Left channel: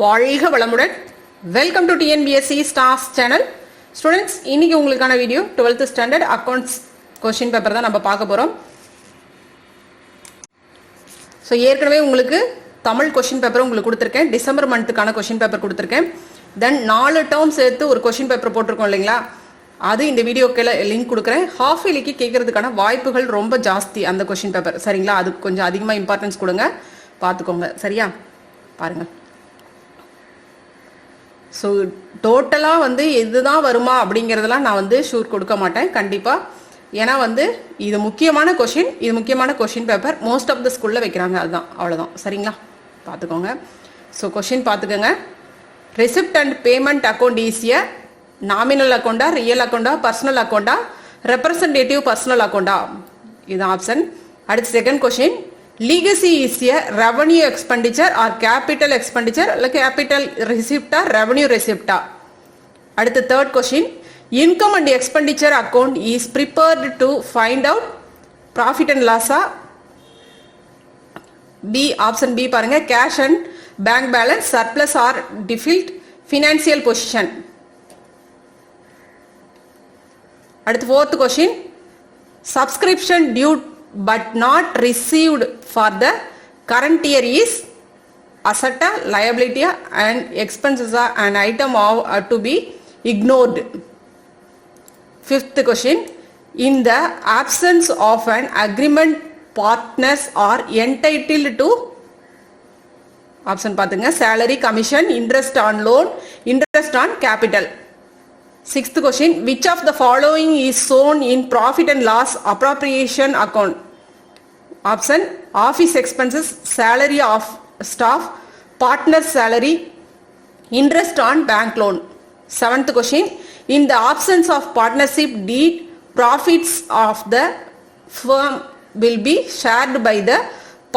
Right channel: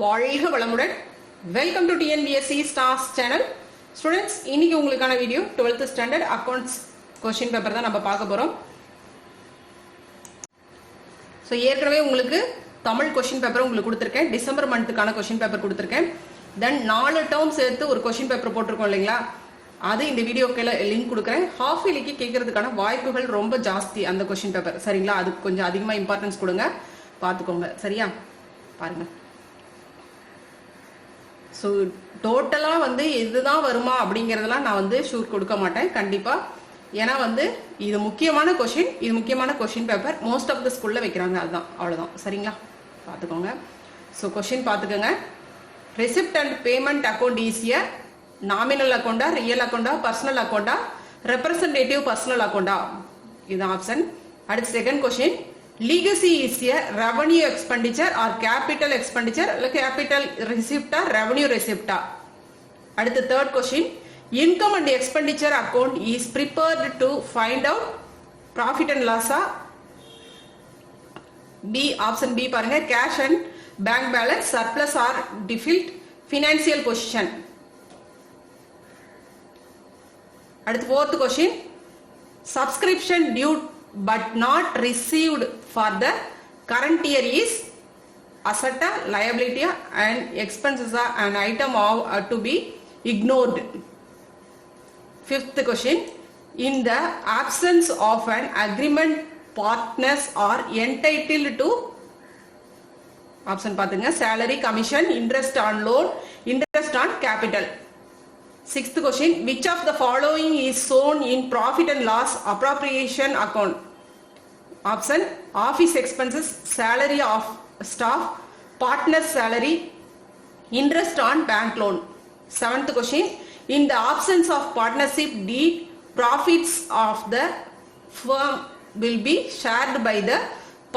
வாழ்க வளமுடன். Welcome to TNPSC stars channel. Students, இன்னைக்கு உங்களுக்கான video 12th standard accounts question paper தான் நம்ம பார்க்க போகிறோம். ஸோ ஏற்கனவே உங்களுக்கு தமிழ் கொஸ்டின் பேப்பர் உங்களுக்கு கொடுத்துருக்கேன். டிசம்பர் மந்த்துக்கான கொஸ்டின் பேப்பர் கொடுத்துருக்கேன். தென் 4 டேர்ம் சேர்த்து ஒரு கொஸ்டின் பேப்பர் போட்டிருக்கோம் இல்லைங்களா, அது இந்த வீடியோக்கு லிங்க் கொடுக்குறேன். ஹாஃப் இயர்லிக்கு கேட்கறதுக்கான வாய்ப்புகள் ரொம்ப ஜாஸ்தி அந்த கொஸ்டின் பேப்பர், சரிங்களா? அதுக்கு கொஞ்சம் அதிகமாக இம்பார்ட்டன்ஸ் கொடுங்க, பார்த்துக்கோங்க, சரியா? பாருங்கள். ஸோ டோட்டலாக இதுதான் வருமா அப்படிங்கிறதெல்லாம் நான் ஷூர் கொடுக்க மாட்டேன் கண்டிப்பாக. ஏன்னா இது முக்கியமான கொஷின், இது முக்கியமான question paper most of the ஸ்கூலில் வைக்கிறாங்க, அதுதான், அவ்வளோதான், சரிங்களா? பார்த்துக்கோங்க. ஸோ கொஷின் பார்த்துக்கோங்க. ரெசிப்ட் அண்ட் பேமெண்ட் அக்கௌண்ட் ஈஸியா, நாமினல் அக்கௌண்டா, ரியல் அக்கௌண்டா, பர்சனல் அக்கௌண்டா, ரெப்ரசன்டேட்டிவ் பர்சனல் அக்கௌண்டா, இதுதான் ஆப்ஷன். அடுத்து second question, legacy is a revenue expenditure or capital expenditure, like capital receipt or revenue receipt. அடுத்து third question, income and expenditure account is prepared to find out profit and loss. B, option B பாருங்க, cash and bank balance, surplus or deficit, financial position. அடுத்து fourth question, subscription due but not received for the current year is asset, liability and expenses an item to be ignored. Fifth question, in the absence of an agreement, partners are entitled to option பாத்துங்க, salary, commission, interest on loan, interest on capital. Sixth question, which of the following is shown in profit and loss appropriation account? Option, office expenses, salary of staff, partner salary, interest on bank loan. Seventh question, in the absence of partnership deed, profits of the firm will be shared by the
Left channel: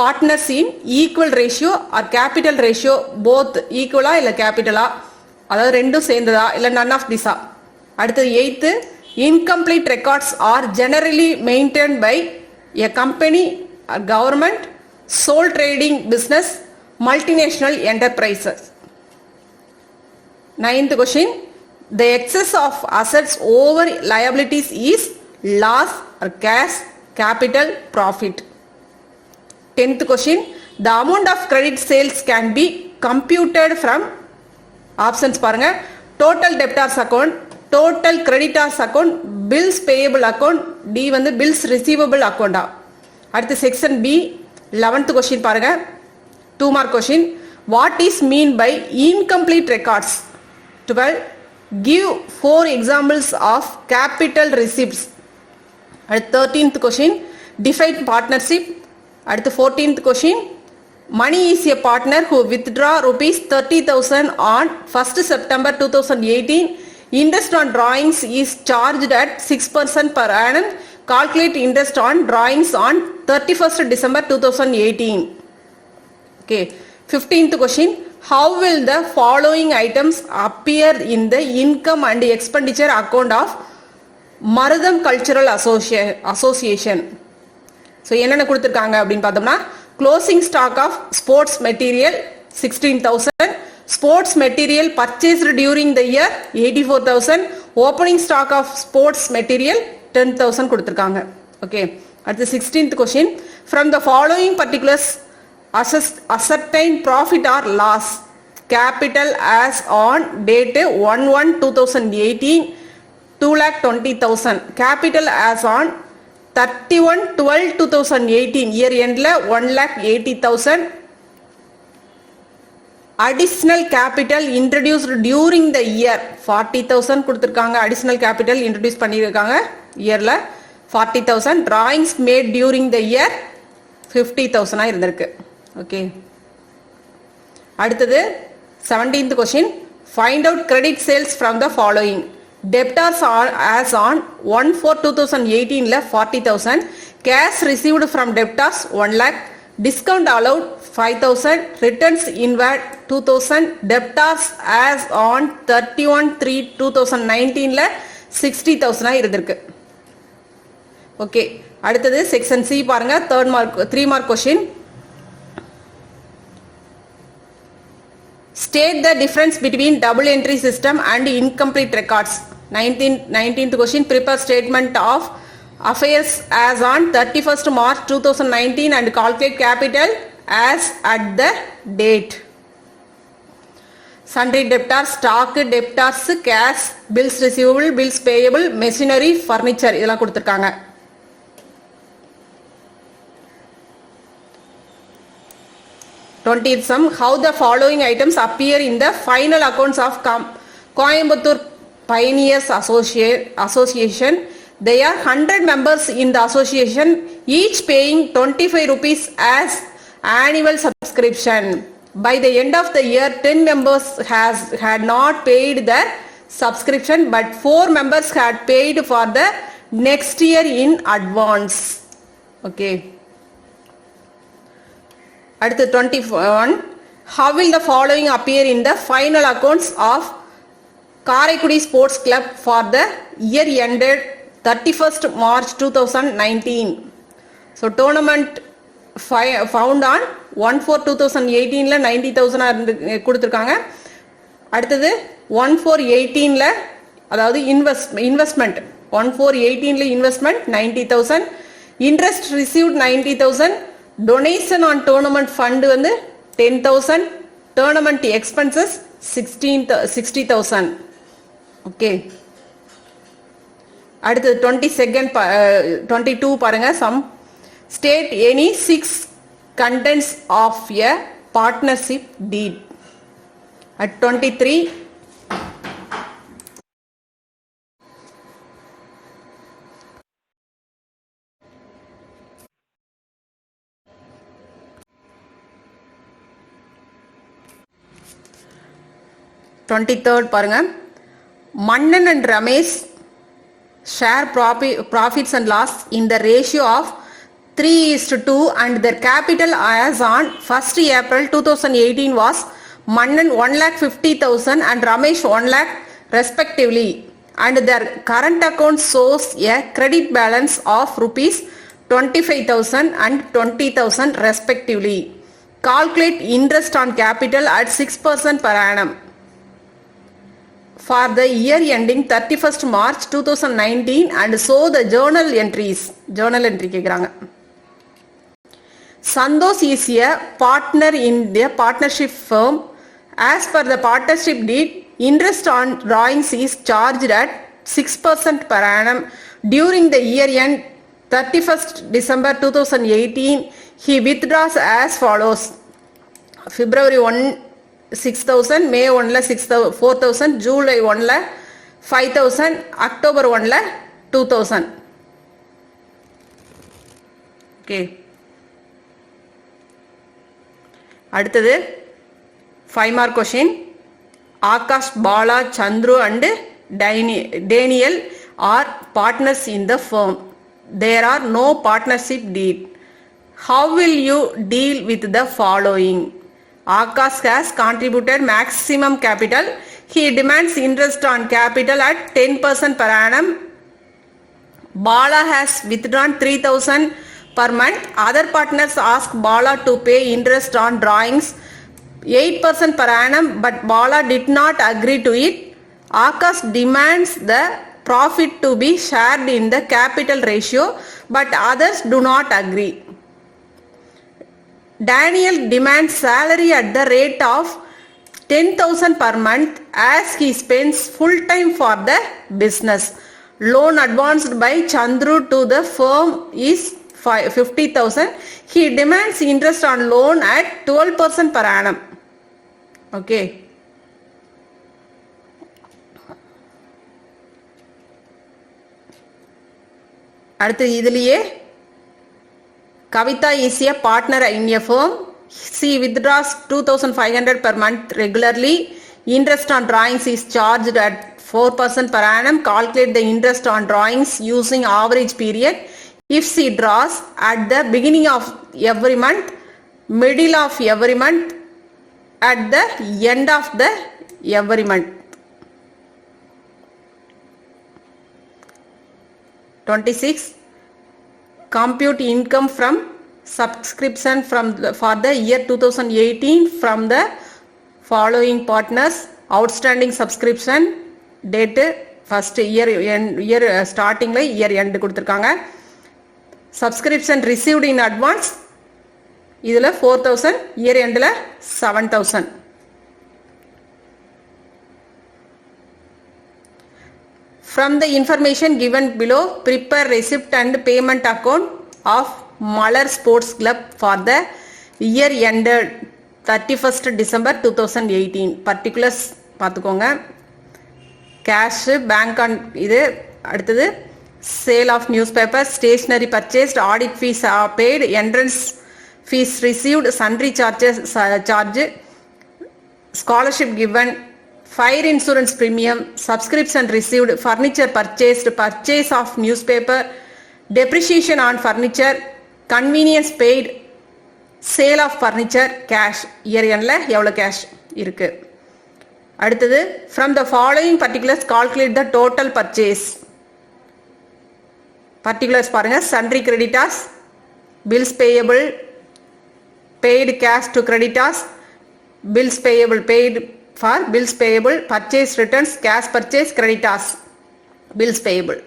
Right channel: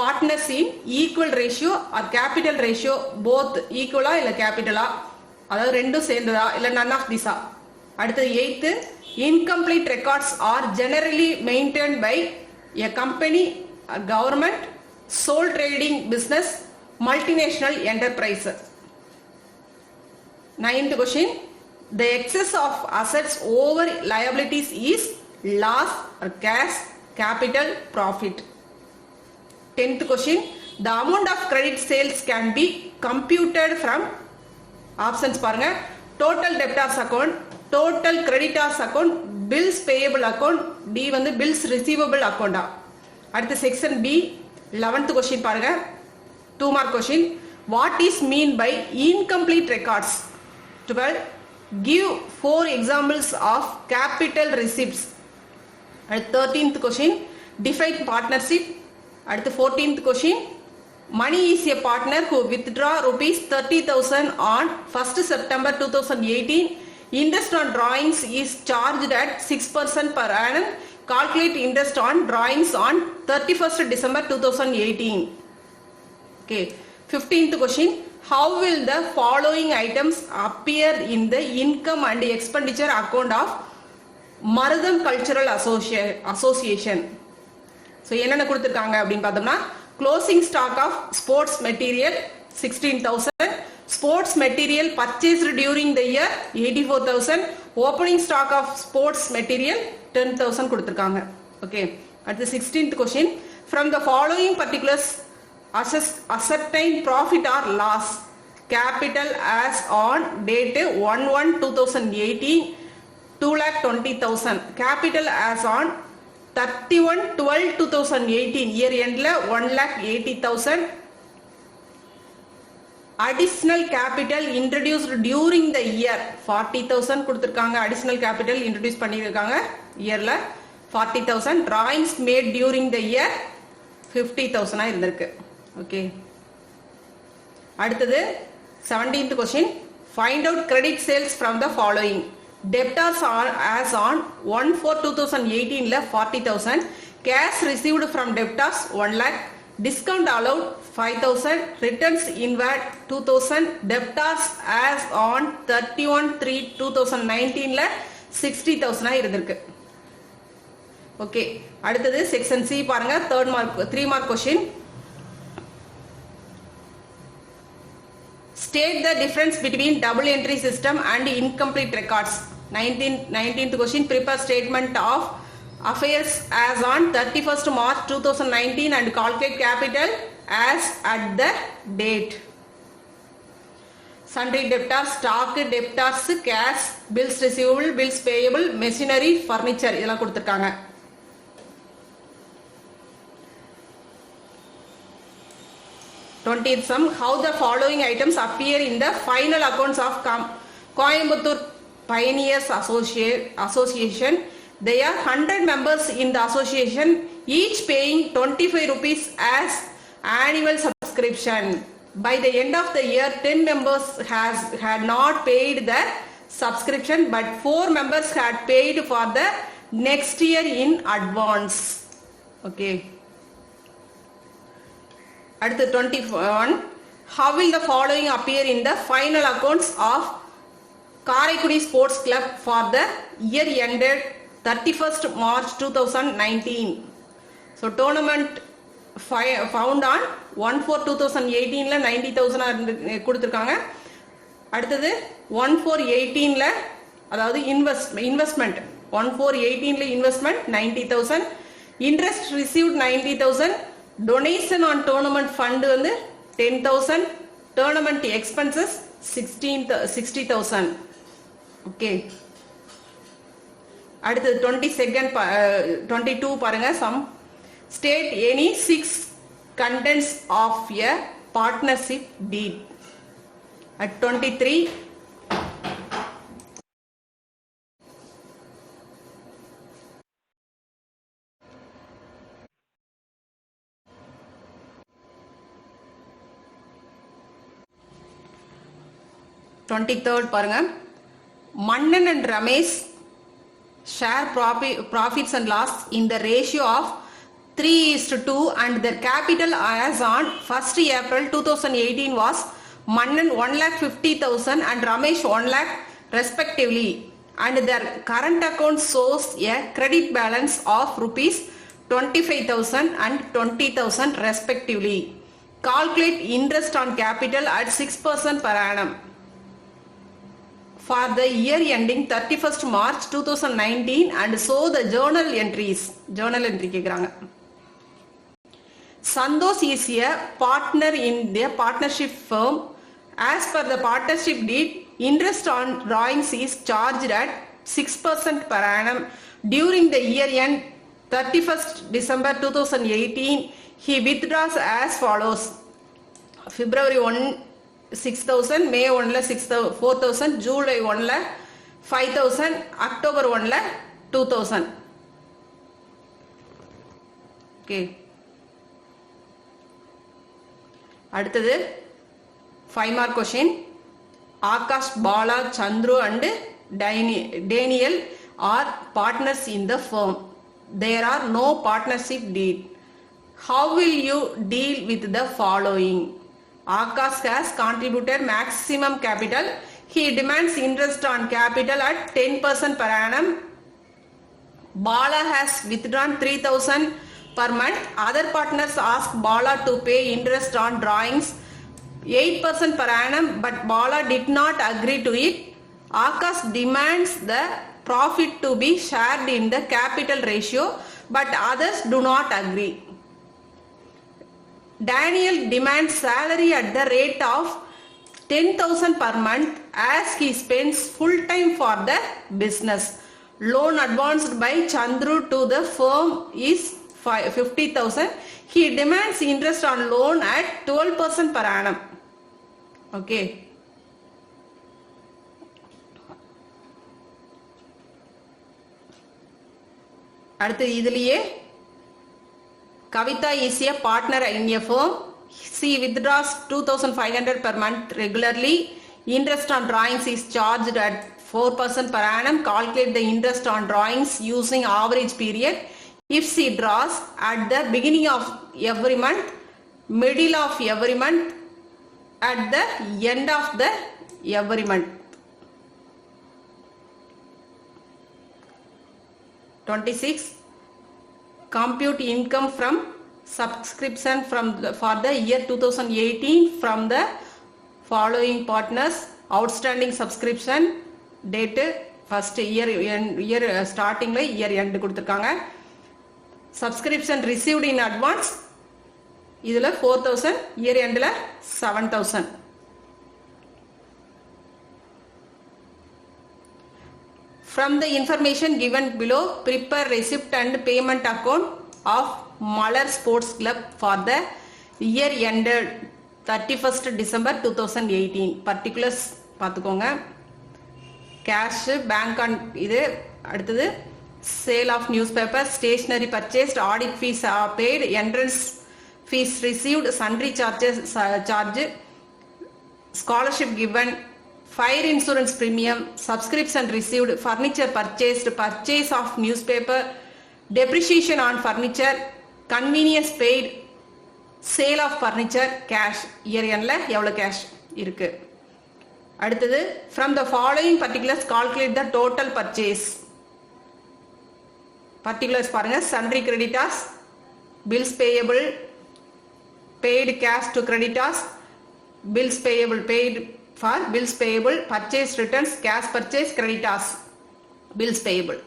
partners in equal ratio or capital ratio, both equal இல்ல capital, அதாவது ரெண்டும் சேர்ந்ததா இல்ல none of these. அடுத்தது eighth, incomplete records are generally maintained by a company, a government, sole trading business, multinational enterprises. Ninth question, the excess of assets over liabilities is loss or cash, capital, profit. 10th question, the amount of credit sales can be computed from options பாருங்க, total debtors account, total creditors account, bills payable account, D bills receivable account. அடுத்து section B 11th question பாருங்க, 2 mark question, what is mean by incomplete records? 12, give 4 examples of capital receipts. அடுத்து 13th question, define partnership. அடுத்து 14th question, money is a partner who withdraw rupees 30,000 on 1st September 2018. Interest on drawings is charged at 6% per annum. Calculate interest on drawings on 31st December 2018. Okay. 15th question, how will the following items appear in the income and expenditure account of Marudam Cultural Association? So என்னென்ன கொடுத்துருக்காங்க அப்படின்னு பார்த்தோம்னா, closing stock of sports material 16,000, sports material purchased during the year 84,000, opening stock of sports material 10,000 கொடுத்துருக்காங்க. Okay. அடுத்து 16th question, from the following particulars ascertain profit or loss. Capital as on date 1/1/2018 2,20,000. Capital as on 31/12/2018 year endல 1,80,000. Additional capital introduced during the year 40,000 கொடுத்துருக்காங்க. Additional capital introduce பண்ணியிருக்காங்க இயர்ல 40,000. drawings made during the year 50,000 இருந்திருக்கு. Okay. அடுத்தது 17th question, find out credit sales from the following. debtors are as on 1/4/2018 40,000, cash received from debtors 1 lakh, discount allowed 5,000, returns inward 2,000, debtors as on 31/3/2019 60,000 இருந்திருக்கு. Okay. அடுத்தது section C பாருங்க, 3 mark question, State the difference between double entry system and incomplete records. 19th question. Prepare statement of affairs as on 31st March 2019 and calculate capital as at the date. Sundry debtors, stock debtors, cash, bills receivable, bills payable, machinery, furniture இதெல்லாம் கொடுத்திருக்காங்க. 20th sum. How the following items appear in the final accounts of Coimbatore Pioneers Association. There are 100 members in the association, each paying 25 rupees as annual subscription. By the end of the year, 10 members had not paid the subscription, but 4 members had paid for the next year in advance. Okay. At the 21, how will the following appear in the final accounts of Karaikudi Sports Club for the year ended 31st March 2019? So tournament found on 1/4/2018 90,000 கொடுத்திருக்காங்க. அடுத்தது 1/4/18 அதாவது investment 1/4/18 investment 90,000, interest received 90,000, donation on tournament fund வந்து 10,000, tournament expenses 60,000. okay. அடுத்து 22 பாருங்க. Some state any 6 contents of a partnership deed. At 23, பாருங்க. Mannan and Ramesh share profits and loss in the ratio of 3:2 and their capital as on 1st April 2018 was Mannan 1,50,000 and Ramesh 1 lakh respectively, and their current account shows a credit balance of rupees 25,000 and 20,000 respectively. Calculate interest on capital at 6% per annum for the year ending 31st March 2019 and show the journal entries. Journal entry கேக்குறாங்க. Sandosh is a partner in the partnership firm. As per the partnership deed, interest on drawings is charged at 6% per annum. During the year end 31st December 2018, he withdraws as follows. February 1 6,000, May 1 4,000, July 1 5,000, October 1 2,000. okay. அடுத்தது 5 mark question. Akash, Bala, Chandru and Daniel are partners in the firm. There are no partnership deed. How will you deal with the following? Akash has contributed maximum capital. He demands interest on capital at 10% per annum. Bala has withdrawn 3,000 per month. Other partners ask Bala to pay interest on drawings 8% per annum, but Bala did not agree to it. Akash demands the profit to be shared in the capital ratio, but others do not agree. Daniel demands salary at the rate of 10,000 per month as he spends full time for the business. Loan advanced by Chandru to the firm is 50,000. He demands interest on loan at 12% per annum. okay. அடுத்து இதுலயே Kavita is a partner in a firm. She withdraws 2,500 per month regularly. Interest on drawings is charged at 4% per annum. Calculate the interest on drawings using average period. If she draws at the beginning of every month, middle of every month, at the end of the every month. 26. Compute income from subscription for the year 2018 from the following partners, outstanding subscription date first year starting year end கொடுத்திருக்காங்க. subscription received in advance இதுல 4000, year endல 7000. From the information given below, prepare receipt and payment account of Malar Sports Club for the year ended 31st December 2018. Particulars பார்த்துக்கோங்க. Cash, bank இது அடுத்தது sale of newspaper, stationery purchased, audit fees are paid, entrance fees received, sundry charges charge, scholarship given, fire insurance premium, subscription received, furniture purchased, purchase of newspaper, depreciation on furniture, convenience paid, sale of furniture, cash. year endல எவ்வளவு cash இருக்கு. அடுத்தது from the following particulars calculate the total purchase. particulars பாருங்க. sundry creditors, bills payable, paid cash to creditors, bills payable paid for bills payable, purchase returns, cash purchase, creditors, bills payable.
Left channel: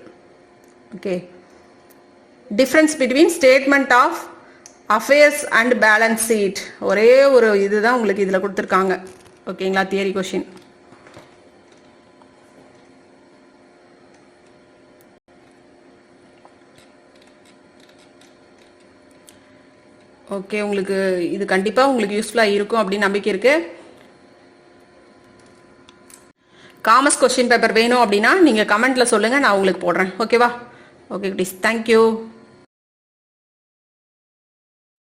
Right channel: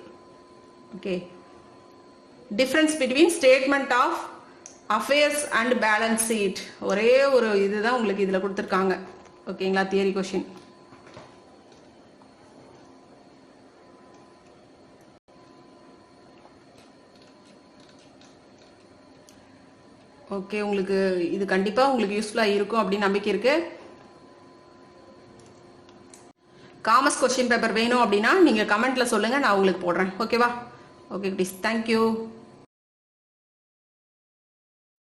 okay. difference between statement of affairs and balance sheet. ஒரே ஒரு இதுதான் உங்களுக்கு இதுல கொடுத்திருக்காங்க. ஓகேங்களா? Theory question. Okay, உங்களுக்கு இது கண்டிப்பா உங்களுக்கு யூஸ்ஃபுல்லா இருக்கும் அப்படின்னு நம்பிக்கை இருக்கு. காமர்ஸ் கொஸ்டின் பேப்பர் வேணும் அப்படின்னா நீங்க கமெண்ட்ல சொல்லுங்க, நான் உங்களுக்கு போடுறேன். ஓகேவா? Okay please. தேங்க்யூ.